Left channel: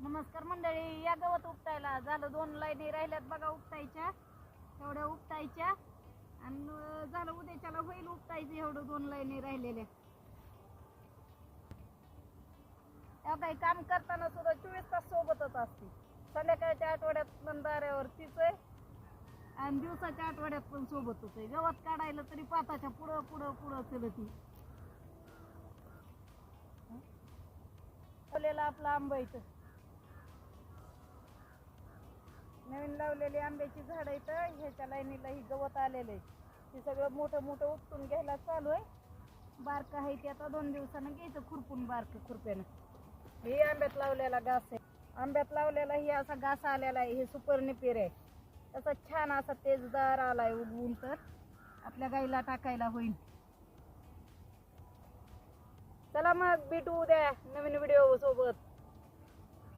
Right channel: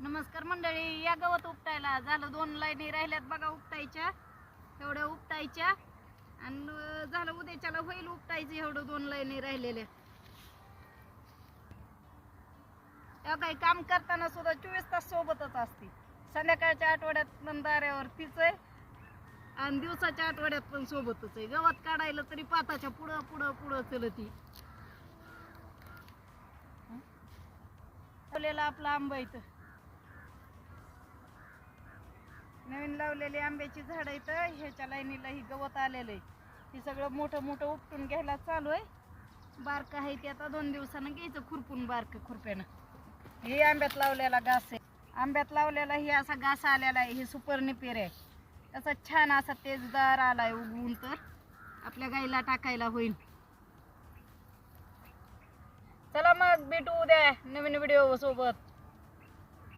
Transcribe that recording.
नमस्कार मंडळी, या गवत उपटायला झालं 2 लाईनी राहिल्यात बघा उपटायच्या. एवढ्या उपटायच्या आणि झालं उद्याच्याला होईल उपटायचं एवढं 2 लाईनी राहिलेल्या. काही काम करताना सुद्धा 24 तास सोबतच असते. संध्याकाळच्या आठवड्यात पण दाऱ्यावर तीच आहे आणि दिवसाच्या आठवड्यात पण सोबतच आहे. गवत काढायला तरी पाताच्या पुढं पुढं पुढं चलती. आपला आंबा इथं नवीन लावलेली आंब्याची झाड इथं ह्याच्या लाईनीला ही गवत आलेलं आहे. ती सगळं मोठं मोठं उपटून घ्यायला चालू आहे. बारक आहे ते आता 2 दिवसानं घ्यायचं खुरपून बारक खुरप्यानं. हे आंब्यात लावलेला घास आहे. आंब्यात लावलेला ही असा घास आलेला आहे. हे सुपर निपेर आहे. त्याचा छान असा तेजदार आलाय उगवून, तर आपल्या गाईला टाकायला होईल. चला मग भेटू उद्या नवीन व्हिडिओ सोबत.